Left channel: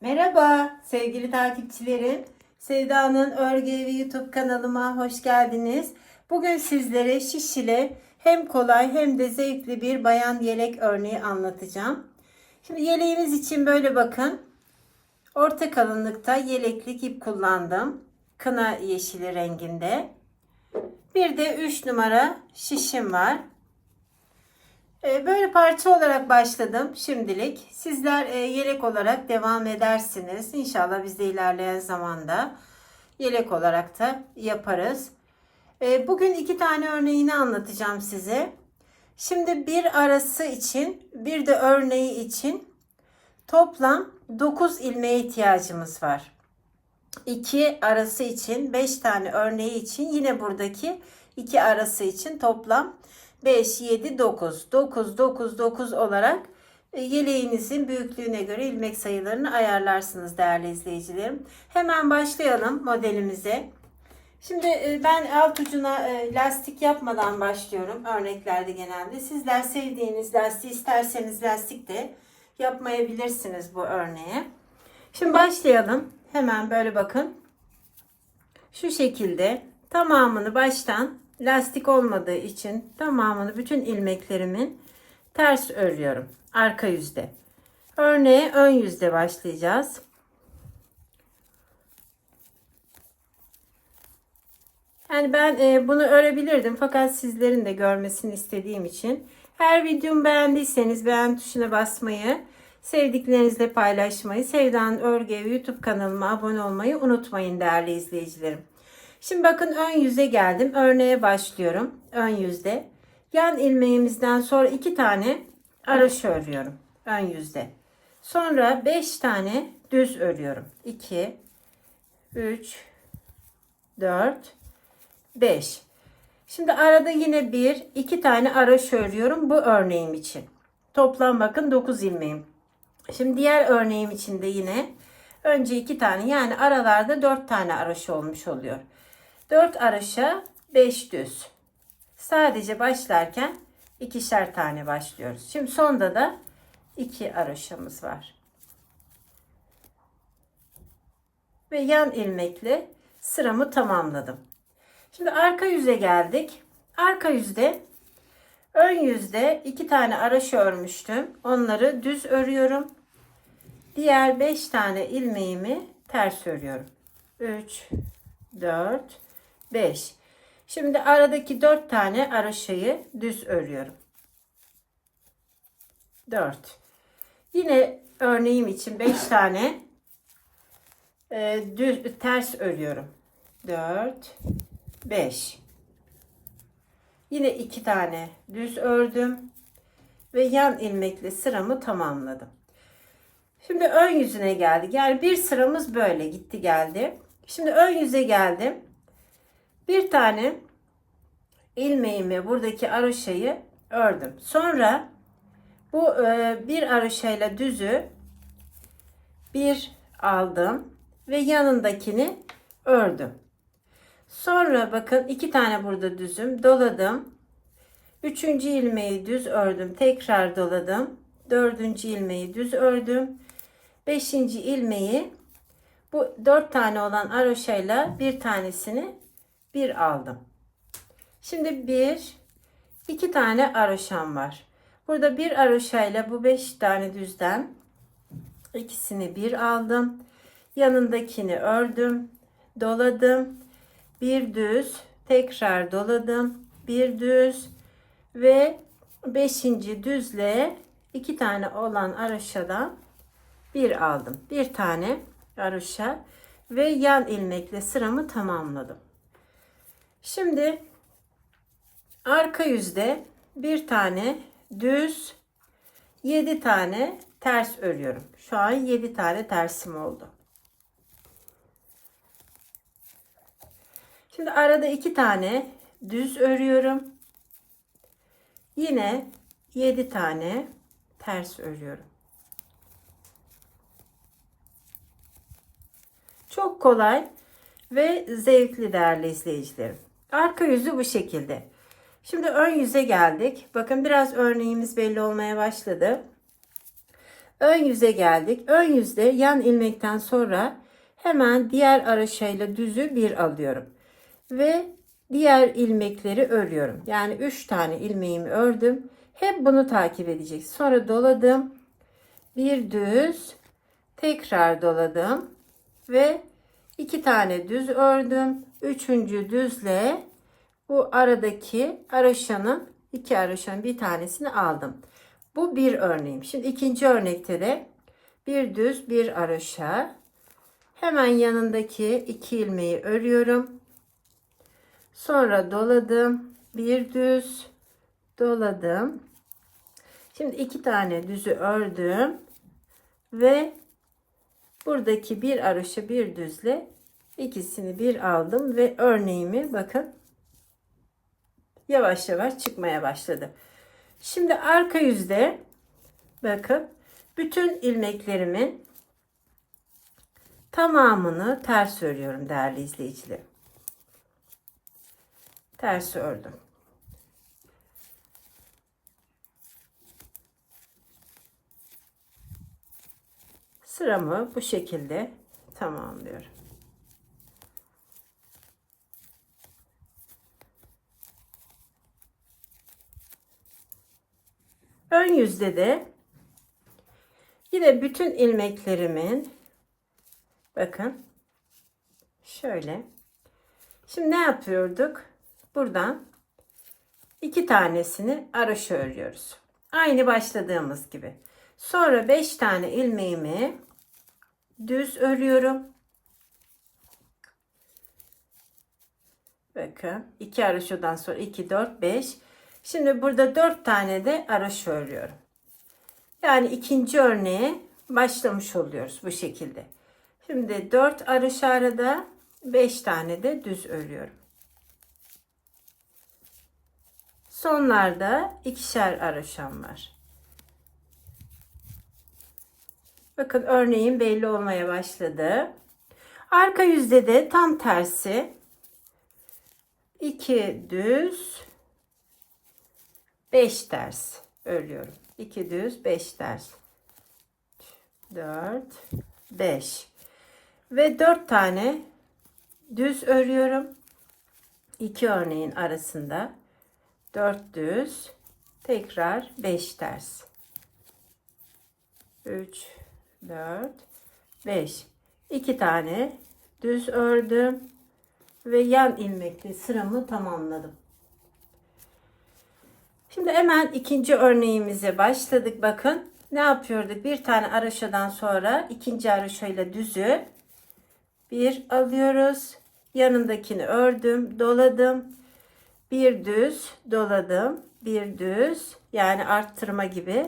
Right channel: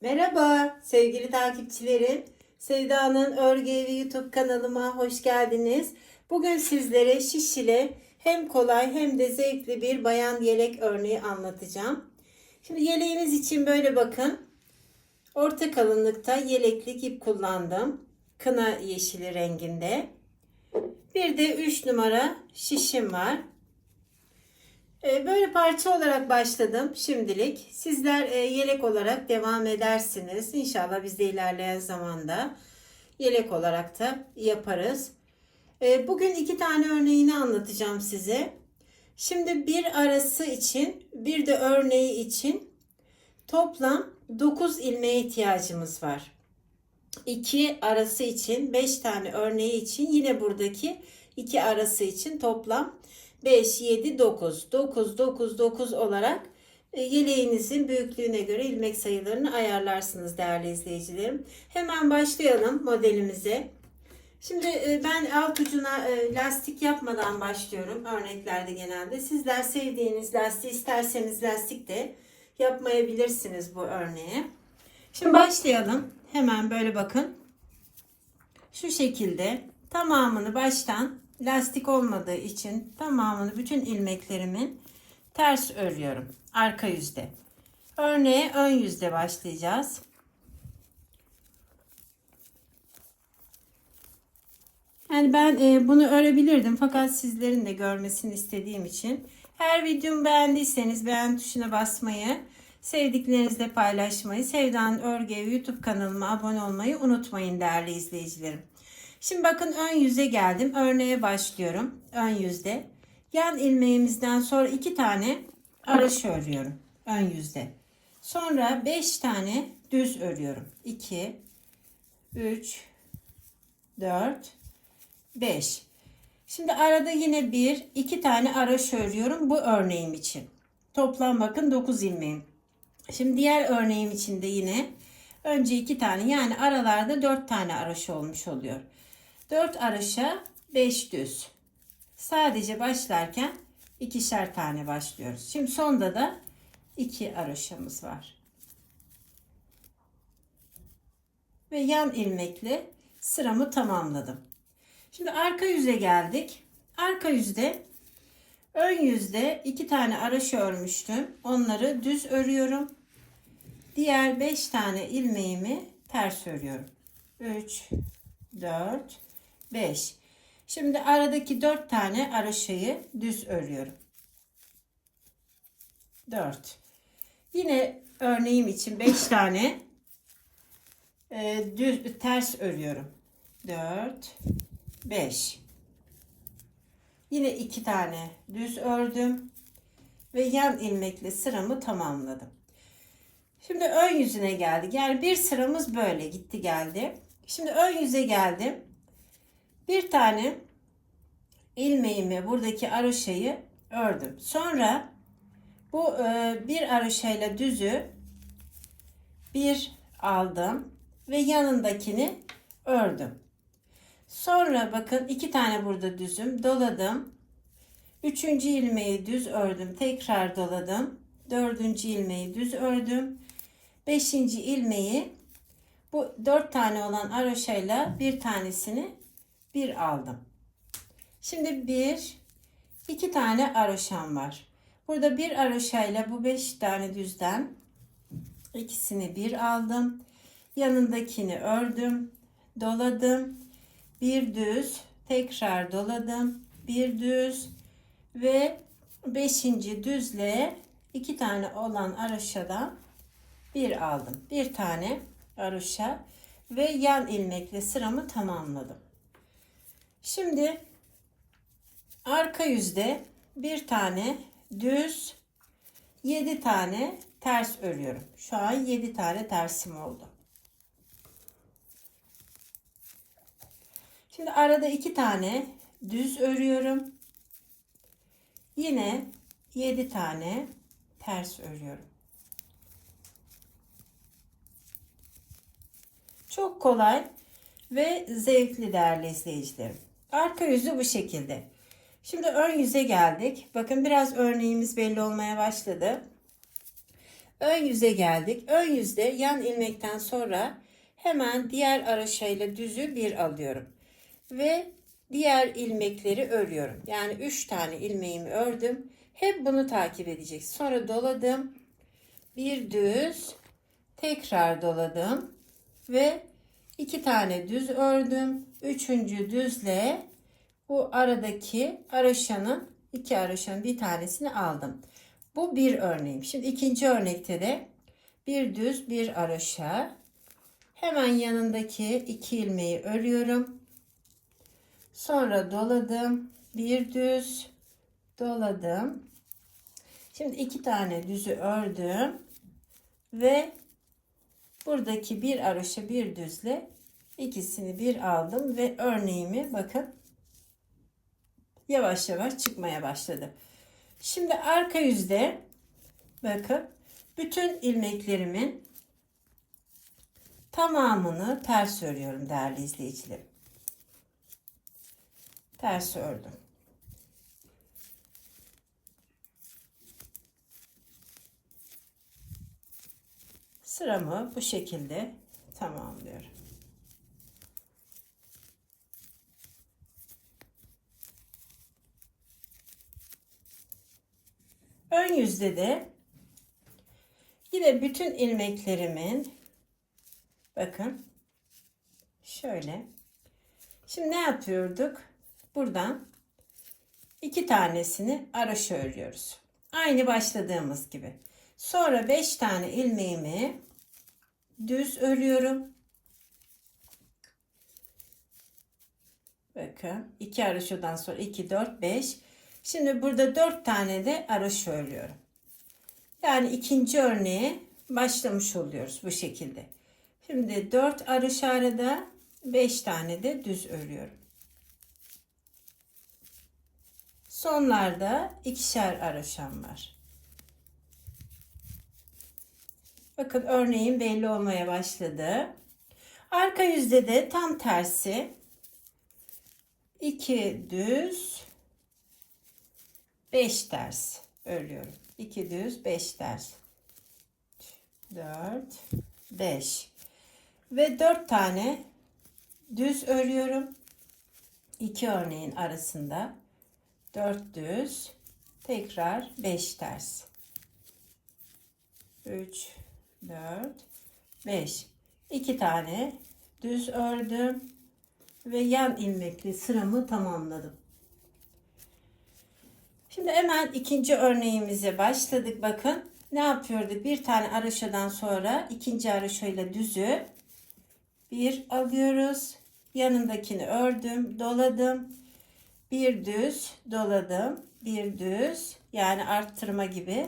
Merhaba sevgili takipçilerim. Sevda'nın Örgü Evi YouTube kanalıma hoş geldiniz. Bugün sizlere şiş ile hem kolay hem de zevkli bir bayan yelek örneği anlatacağım. Şimdi yeleğimiz için böyle bakın. Orta kalınlıkta yeleklik ip kullandım. Kına yeşili renginde. Bir de 3 numara şişim var. Ee, Böyle parça olarak başladım şimdilik. Sizler e, yelek olarak devam edersiniz. İnşallah biz de ilerleyen zamanda yelek olarak da yaparız. Ee, Bugün iki tane örneğini anlatacağım size. Şimdi bir arası için bir de örneği için toplam 9 ilmeğe ihtiyacımız var. 2 arası için 5 tane örneği için yine buradaki 2 arası için toplam 5, 7, 9. 9, 9, 9 olarak e, yeleğinizin büyüklüğüne göre ilmek sayılarını ayarlarsınız değerli izleyicilerim. Hemen başlayalım modelimize. Şimdi e, ben alt ucuna e, lastik yapmadan başlıyorum örneklerde genelde. Sizler sevdiğiniz lastiği isterseniz lastik de yapmayabilirsiniz bu örneğe. Şimdi başlayalım. Hemen böyle bakın. Şu şekilde tamamını baştan lastik olmadığı için tamamını bütün ilmeklerimin ters örüyorum. Arka yüzde. Örneğe ön yüzde başlayacağız. Yani ben e, bunu örebilirdim fakat sizlerin de görmesini istediğim için her videomu beğendiyseniz beğen tuşuna basmayı, sevdiklerinizle paylaşmayı, Sevda'nın Örgü Evi YouTube kanalıma abone olmayı unutmayın değerli izleyicilerim. Şimdi bakın ön yüze geldim. Örneğe başlıyorum. Ön yüzde. Yan ilmeğimizden sonra iki tane araş örüyorum. Ön yüzde. Sonra beş tane düz örüyorum. 2 3 4 5 Şimdi arada yine bir iki tane araş örüyorum bu örneğim için. Toplam bakın 9 ilmeğim. Şimdi diğer örneğim için de yine önce iki tane yani aralarda 4 tane araş olmuş oluyor. 4 araşa 5 düz. Sadece başlarken ikişer tane başlıyoruz. Şimdi sonda da 2 araşamız var. Ve yan ilmekle sıramı tamamladım. Şimdi arka yüze geldik. Arka yüzde ön yüzde iki tane araş örmüştüm. Onları düz örüyorum. Diğer 5 tane ilmeğimi ters örüyorum. 3 4 5. Şimdi aradaki 4 tane araşayı düz örüyorum. 4. Yine örneğim için 5 tane e, düz ters örüyorum. 4 5. Yine 2 tane düz ördüm ve yan ilmekle sıramı tamamladım. Şimdi ön yüzüne geldik. Yani bir sıramız böyle gitti geldi. Şimdi ön yüze geldim. Bir tane ilmeğimi buradaki araşayı ördüm. Sonra bu e, bir araşayla düzü bir aldım ve yanındakini ördüm. Sonra bakın iki tane burada düzüm doladım. Üçüncü ilmeği düz ördüm. Tekrar doladım. Dördüncü ilmeği düz ördüm. Beşinci ilmeği bu dört tane olan aroşayla bir tanesini bir aldım. Şimdi bir, iki tane aroşam var. Burada bir aroşayla bu beş tane düzden ikisini bir aldım. Yanındakini ördüm, doladım. Bir düz, tekrar doladım. Bir düz ve beşinci düzle iki tane olan aroşadan bir aldım. Bir tane aroşa ve yan ilmekle sıramı tamamladım. Şimdi arka yüzde bir tane düz 7 tane ters örüyorum. Şu an 7 tane tersim oldu. Şimdi arada 2 tane düz örüyorum. Yine 7 tane ters örüyorum. Çok kolay ve zevkli değerli izleyicilerim. Arka yüzü bu şekilde. Şimdi ön yüze geldik. Bakın biraz örneğimiz belli olmaya başladı. Ön yüze geldik. Ön yüzde yan ilmekten sonra hemen diğer araşayla düzü bir alıyorum. Ve diğer ilmekleri örüyorum. Yani 3 tane ilmeğimi ördüm. Hep bunu takip edecek. Sonra doladım. Bir düz, tekrar doladım ve iki tane düz ördüm. Üçüncü düzle bu aradaki araşanın iki araşanın bir tanesini aldım. Bu bir örneğim. Şimdi ikinci örnekte de bir düz bir araşa. Hemen yanındaki iki ilmeği örüyorum. Sonra doladım. Bir düz doladım. Şimdi iki tane düzü ördüm ve buradaki bir araşa bir düzle ikisini bir aldım ve örneğimi bakın yavaş yavaş çıkmaya başladı. Şimdi arka yüzde bakın bütün ilmeklerimin tamamını ters örüyorum değerli izleyicilerim. Ters ördüm. Sıramı bu şekilde tamamlıyorum. Ön yüzde de yine bütün ilmeklerimin bakın şöyle. Şimdi ne yapıyorduk? Buradan iki tanesini araşa örüyoruz. Aynı başladığımız gibi. Sonra 5 tane ilmeğimi düz örüyorum. Bakın iki araşodan sonra 2 4 5. Şimdi burada 4 tane de araşo örüyorum. Yani ikinci örneğe başlamış oluyoruz bu şekilde. Şimdi 4 araş arada 5 tane de düz örüyorum. Sonlarda ikişer araşam var. Bakın örneğin belli olmaya başladı. Arka yüzde de tam tersi. 2 düz 5 ters örüyorum. 2 düz 5 ters. 4 5 ve 4 tane düz örüyorum. 2 örneğin arasında 4 düz tekrar 5 ters. 3 4 5 2 tane düz ördüm ve yan ilmekli sıramı tamamladım. Şimdi hemen ikinci örneğimize başladık. Bakın ne yapıyorduk? Bir tane araşadan sonra ikinci araşayla düzü bir alıyoruz. Yanındakini ördüm, doladım. Bir düz doladım, bir düz yani arttırma gibi.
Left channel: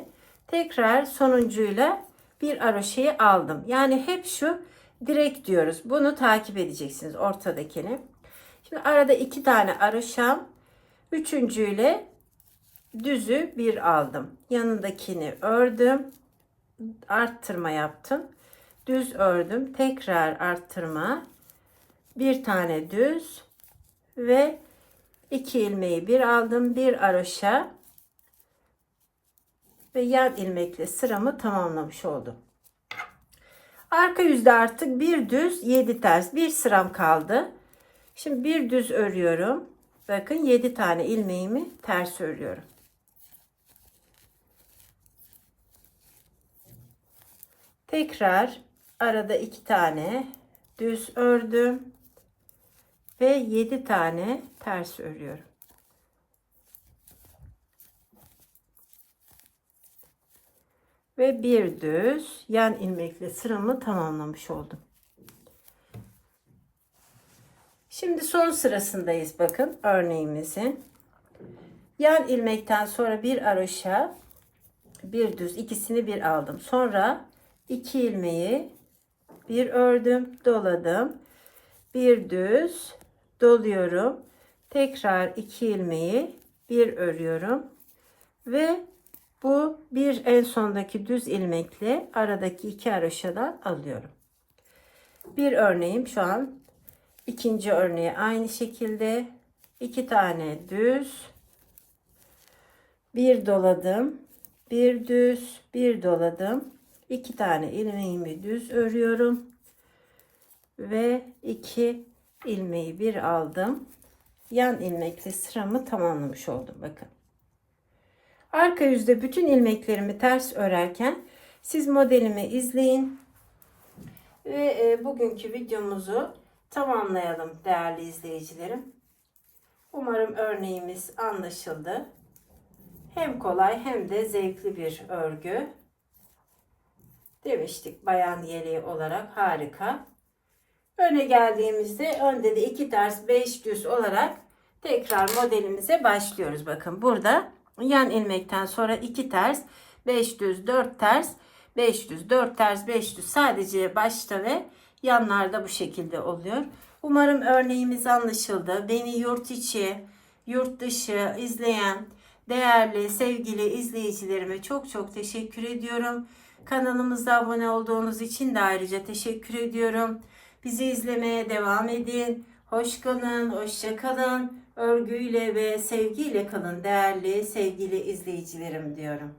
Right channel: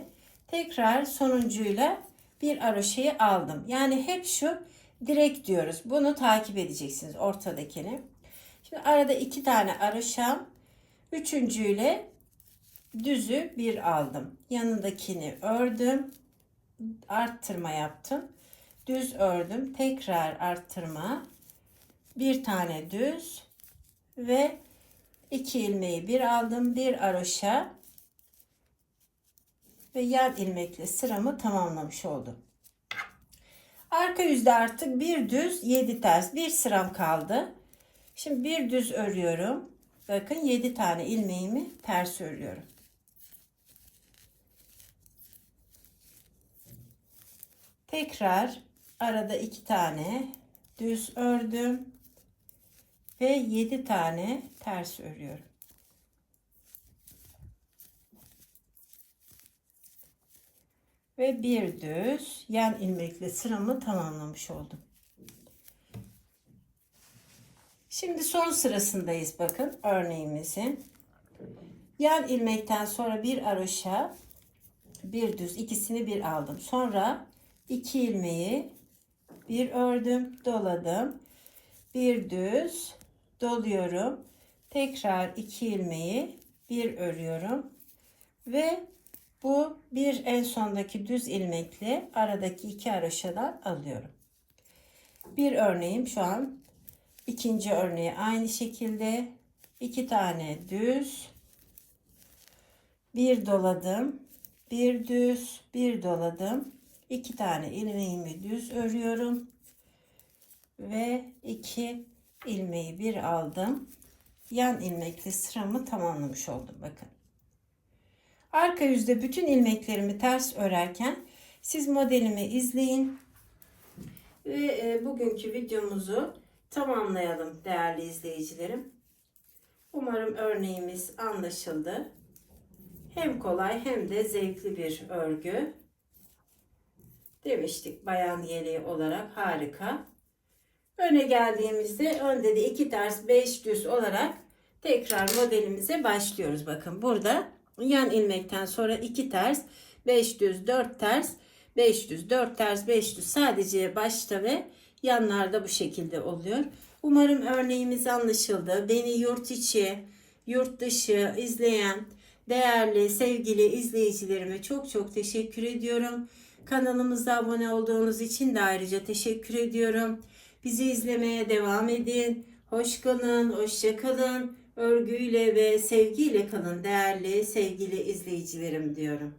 Tekrar sonuncuyla bir aroşeyi aldım. Yani hep şu direkt diyoruz. Bunu takip edeceksiniz ortadakini. Şimdi arada iki tane aroşam. Üçüncüyle düzü bir aldım. Yanındakini ördüm. Arttırma yaptım. Düz ördüm. Tekrar arttırma. Bir tane düz ve iki ilmeği bir aldım. Bir aroşa ve yan ilmekle sıramı tamamlamış oldum. Arka yüzde artık bir düz 7 ters bir sıram kaldı. Şimdi bir düz örüyorum. Bakın 7 tane ilmeğimi ters örüyorum. Tekrar arada iki tane düz ördüm ve 7 tane ters örüyorum. ve bir düz yan ilmekle sıramı tamamlamış oldum. Şimdi son sırasındayız bakın örneğimizin. Yan ilmekten sonra bir aroşa bir düz ikisini bir aldım. Sonra iki ilmeği bir ördüm, doladım. Bir düz doluyorum. Tekrar iki ilmeği bir örüyorum ve bu bir en sondaki düz ilmekle aradaki iki haroşadan alıyorum. Bir örneğim şu an ikinci örneği aynı şekilde iki tane düz bir doladım bir düz bir doladım iki tane ilmeğimi düz örüyorum. Ve iki ilmeği bir aldım. Yan ilmekli sıramı tamamlamış oldum bakın. Arka yüzde bütün ilmeklerimi ters örerken siz modelimi izleyin. Ve e, bugünkü videomuzu tamamlayalım değerli izleyicilerim. Umarım örneğimiz anlaşıldı. Hem kolay hem de zevkli bir örgü demiştik bayan yeleği olarak harika. Öne geldiğimizde önde de iki ters beş düz olarak tekrar modelimize başlıyoruz. Bakın burada yan ilmekten sonra iki ters beş düz dört ters beş düz dört ters beş düz sadece başta ve yanlarda bu şekilde oluyor. Umarım örneğimiz anlaşıldı. Beni yurt içi, yurt dışı izleyen değerli sevgili izleyicilerime çok çok teşekkür ediyorum. Kanalımıza abone olduğunuz için de ayrıca teşekkür ediyorum. Bizi izlemeye devam edin. Hoş kalın, hoşça kalın. Örgüyle ve sevgiyle kalın değerli sevgili izleyicilerim diyorum.